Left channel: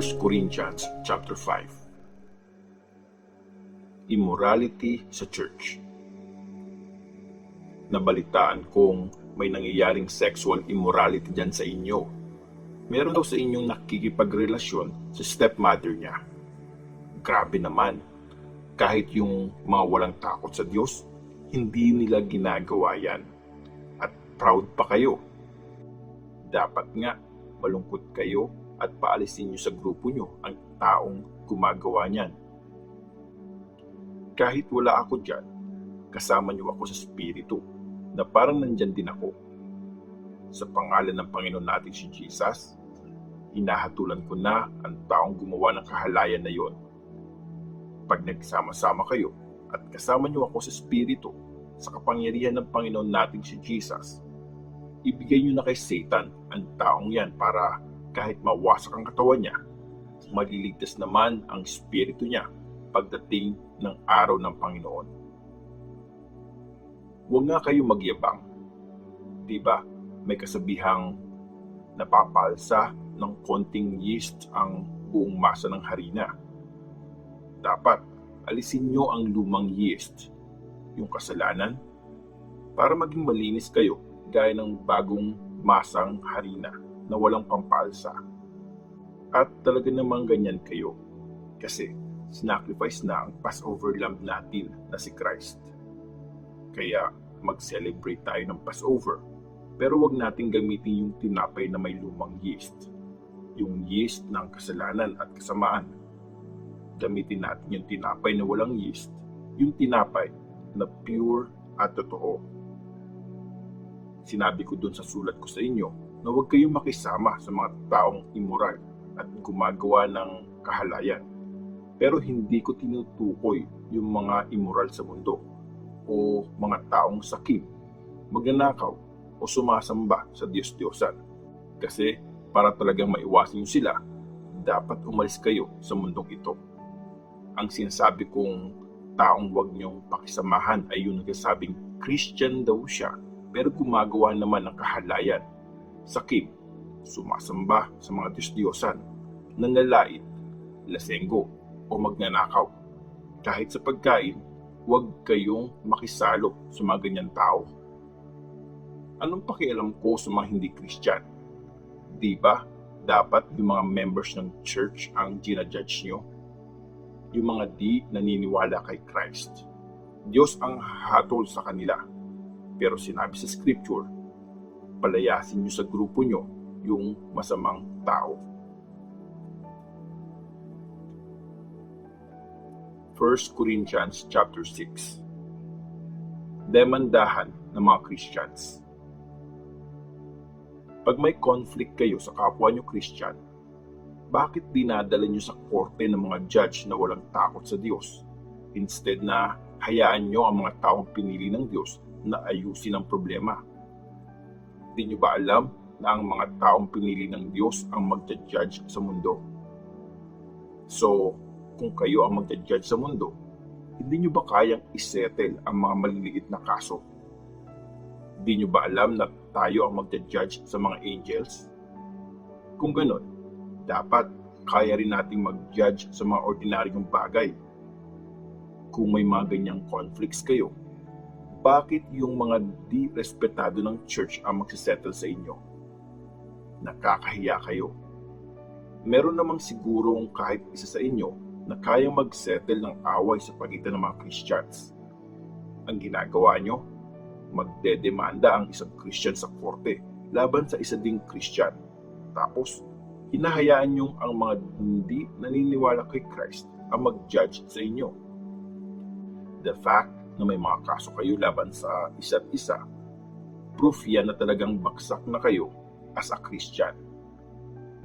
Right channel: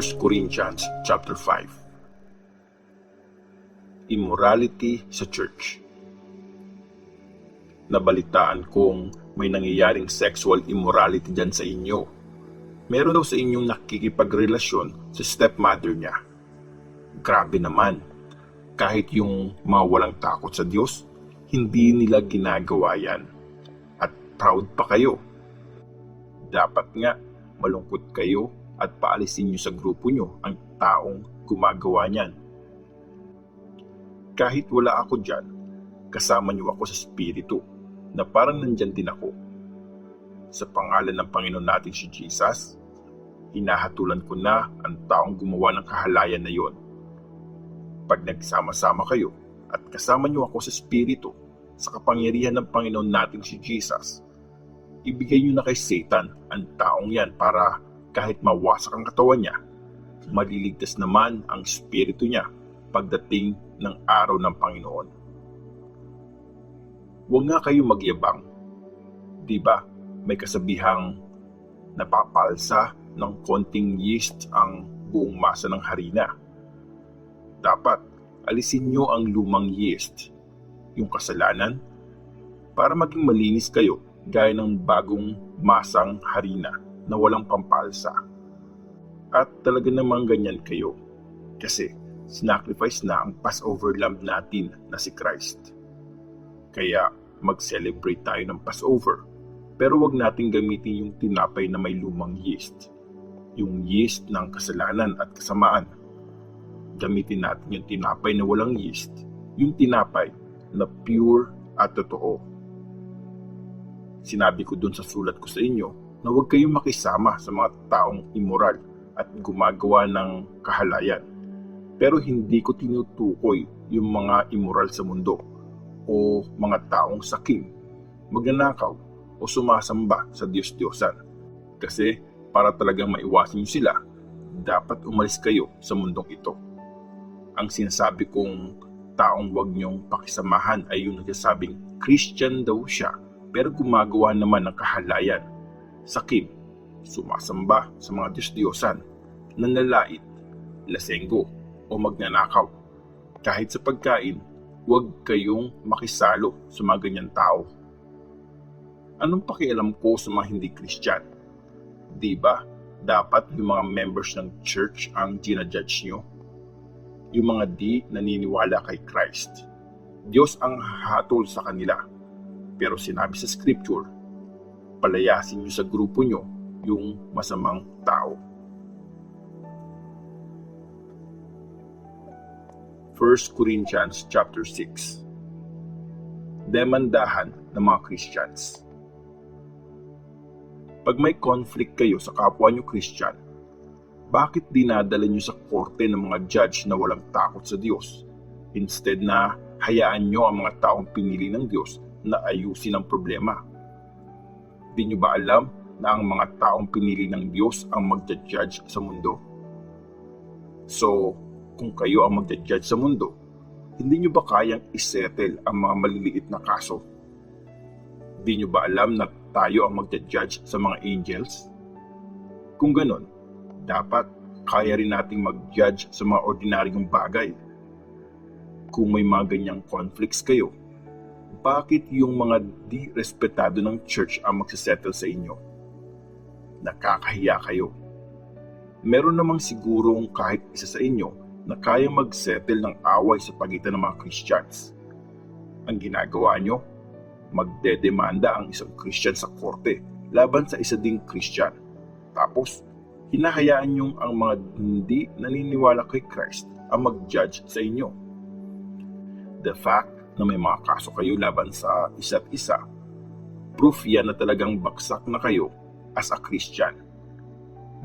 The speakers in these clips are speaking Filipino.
First Corinthians chapter 5. Immorality sa church. Nabalitaan kong may nangyayaring sexual immorality dyan sa inyo. Meron daw sa inyong nakikipagrelasyon sa stepmother niya. Grabe naman. Kahit yung mga walang takot sa Diyos, hindi nila ginagawa yan. At proud pa kayo. Dapat nga malungkot kayo at paalisin niyo sa grupo niyo ang taong gumagawa niyan. Kahit wala ako dyan, kasama niyo ako sa Espiritu na parang nandyan din ako. Sa pangalan ng Panginoon natin si Jesus, hinahatulan ko na ang taong gumawa ng kahalayan na yon. Pag nagsama-sama kayo at kasama niyo ako sa Espiritu, sa kapangyarihan ng Panginoon natin si Jesus, ibigay niyo na kay Satan ang taong yan para kahit mawasak ang katawan niya, maliligtas naman ang espiritu niya pagdating ng araw ng Panginoon. Huwag nga kayo magyabang. Diba, may kasabihang napapalsa ng konting yeast ang buong masa ng harina. Dapat alisin niyo ang lumang yeast, yung kasalanan, para maging malinis kayo gaya ng bagong masang harina na walang pampalsa. At talaga namang ganyan kayo kasi sinacrifice na ang Passover lamb natin na si Christ. Kaya mag-celebrate tayo ng Passover, pero wag natin gamitin yung tinapay na may lumang yeast, yung yeast ng kasalanan at kasamaan. Gamitin natin yung tinapay na walang yeast, yung tinapay na pure at totoo. Sinabi ko dun sa sulat ko sa inyo na huwag kayong makisama sa mga taong immoral at gumagawa ng kahalayan. Pero hindi ko tinutukoy yung mga immoral sa mundo o mga taong sakim, magnanakaw o sumasamba sa Diyos-Diyosan. Kasi para talagang maiwasan nyo sila, dapat umalis kayo sa mundong ito. Ang sinasabi kong taong huwag nyong pakisamahan ay yung nagsasabing Christian daw siya pero gumagawa naman ng kahalayan, sakim, sumasamba sa mga Diyos-Diyosan, nanlalait, lasenggo o magnanakaw. Kahit sa pagkain, huwag kayong makisalo sa mga ganyan tao. Anong pakialam ko sa mga hindi Christian? Diba, dapat yung mga members ng church ang ginajudge nyo? Yung mga di naniniwala kay Christ. Diyos ang hahatol sa kanila. Pero sinabi sa Scripture, palayasin nyo sa grupo nyo yung masamang tao. 1 Corinthians chapter 6. Demandahan ng mga Christians. Pag may conflict kayo sa kapwa nyo Christian, bakit dinadala nyo sa korte ng mga judge na walang takot sa Diyos? Instead na hayaan nyo ang mga taong pinili ng Diyos na ayusin ang problema. Di nyo ba alam na ang mga taong pinili ng Diyos ang magja-judge sa mundo? So, kung kayo ang magja-judge sa mundo, hindi nyo ba kayang isettle ang mga maliliit na kaso? Di nyo ba alam na tayo ang magja-judge sa mga angels? Kung ganon, dapat kaya rin nating mag-judge sa mga ordinaryong bagay. Kung may mga ganyang conflicts kayo, bakit yung mga di-respetado ng church ang magsisettle sa inyo? Nakakahiya kayo. Meron namang sigurong kahit isa sa inyo na kayang mag-settle ng away sa pagitan ng mga Christians. Ang ginagawa nyo, magdedemanda ang isang Christian sa korte laban sa isa ding Christian. Tapos, hinahayaan nyo ang mga hindi naniniwala kay Christ ang mag-judge sa inyo. The fact na may mga kaso kayo laban sa isa't isa, proof yan na talagang bagsak na kayo as a Christian.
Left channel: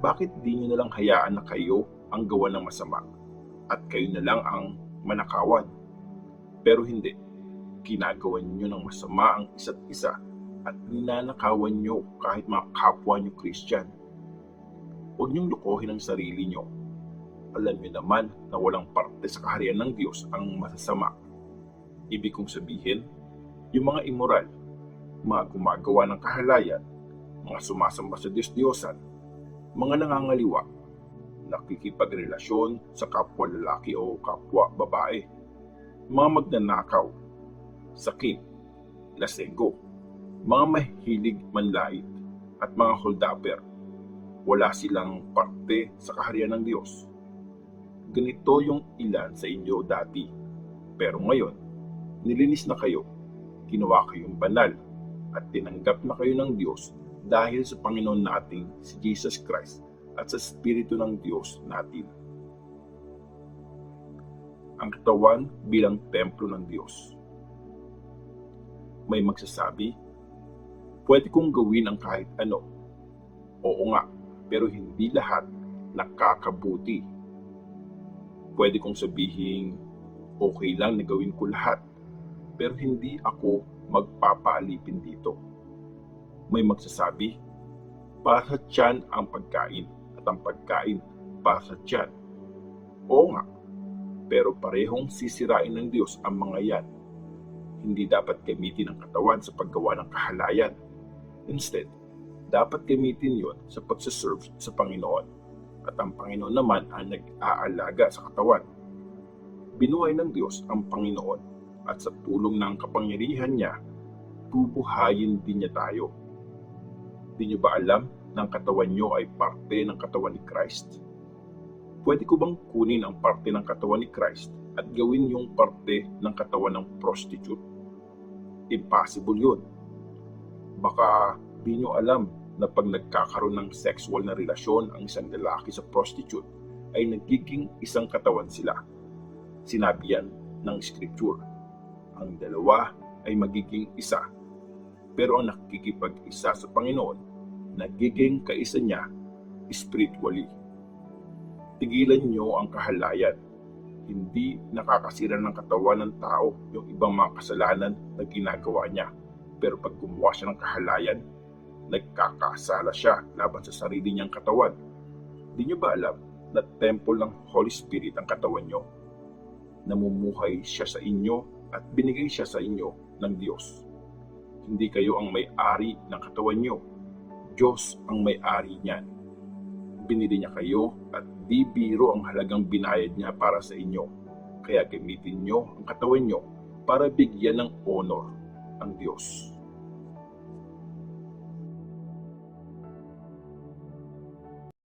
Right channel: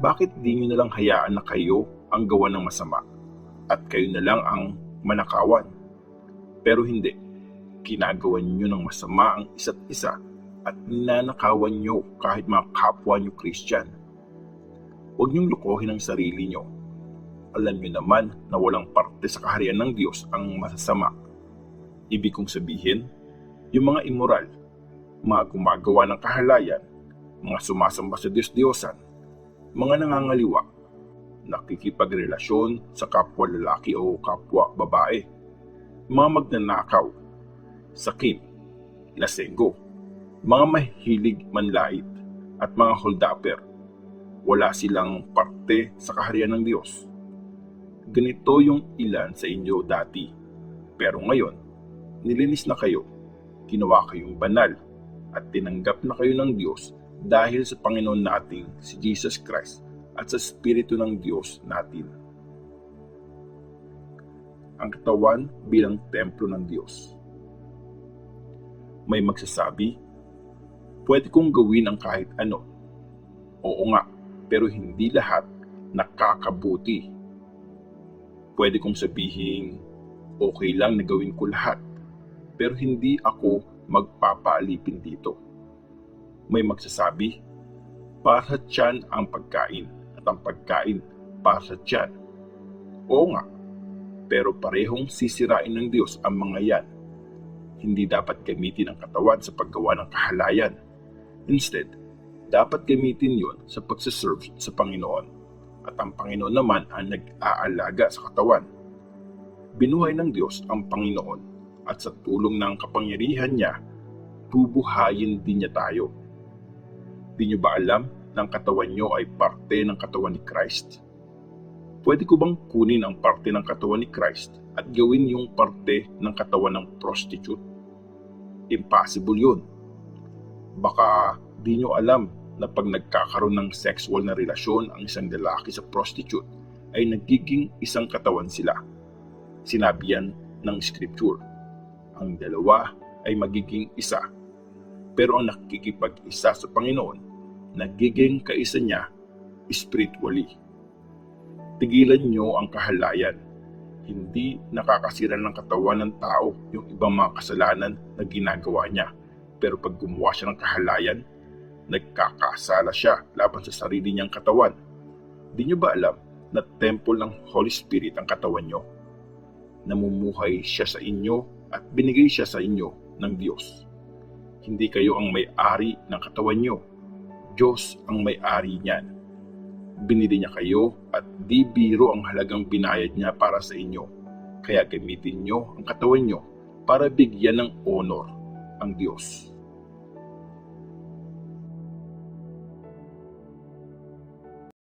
Bakit di nyo nalang hayaan na kayo ang gawa ng masama at kayo na lang ang manakawan? Pero hindi, ginagawa nyo ng masama ang isa't isa at ninanakawan nyo kahit mga kapwa nyo Christian. Huwag niyong lukohin ang sarili nyo. alam niyo naman na walang parte sa kaharian ng Diyos ang masasama. Ibig kong sabihin, yung mga immoral, mga gumagawa ng kahalayan, mga sumasamba sa Diyos-Diyosan, mga nangangaliwa, nakikipagrelasyon sa kapwa lalaki o kapwa babae, mga magnanakaw, sakit, lasenggo, mga mahilig manlait, at mga holdapper. Wala silang parte sa kaharian ng Diyos. Ganito yung ilan sa inyo dati. Pero ngayon, nilinis na kayo, ginawa kayong banal, at tinanggap na kayo ng Diyos dahil sa Panginoon nating si Jesus Christ at sa Espiritu ng Diyos natin. Ang katawan bilang templo ng Diyos. May magsasabi, pwede kong gawin ang kahit ano. Oo nga, pero hindi lahat nakakabuti. Pwede kong sabihin, okay lang na gawin ko lahat, pero hindi ako magpapaalipin dito. May magsasabi, para sa tiyan ang pagkain at ang pagkain para sa tiyan. Oo nga, pero parehong sisirain ng Diyos ang mga yan. Hindi dapat gamitin ang katawan sa paggawa ng kahalayan. Instead, dapat gamitin yon sa pagsiserve sa Panginoon. At ang Panginoon naman ang nag-aalaga sa katawan. Binuhay ng Diyos ang Panginoon at sa tulong ng kapangyarihan niya, bubuhayin din niya tayo. Di niyo ba alam na ang katawan niyo ay parte ng katawan ni Christ? Pwede ko bang kunin ang parte ng katawan ni Christ at gawin yung parte ng katawan ng prostitute? Impossible yun. Baka di nyo alam na pag nagkakaroon ng sexual na relasyon ang isang lalaki sa prostitute, ay nagiging isang katawan sila. Sinabi yan ng Scripture. Ang dalawa ay magiging isa. Pero ang nakikipag-isa sa Panginoon, nagiging kaisa niya spiritually. Tigilan nyo ang kahalayan. Hindi nakakasira ng katawan ng tao yung ibang mga kasalanan na ginagawa niya. Pero pag gumawa siya ng kahalayan, nagkakasala siya laban sa sarili niyang katawan. Di nyo ba alam na temple ng Holy Spirit ang katawan nyo? Namumuhay siya sa inyo at binigay siya sa inyo ng Diyos. Hindi kayo ang may-ari ng katawan nyo. Diyos ang may-ari niyan. Binili niya kayo at di biro ang halagang binayad niya para sa inyo. Kaya gamitin nyo ang katawan nyo para bigyan ng honor ang Diyos.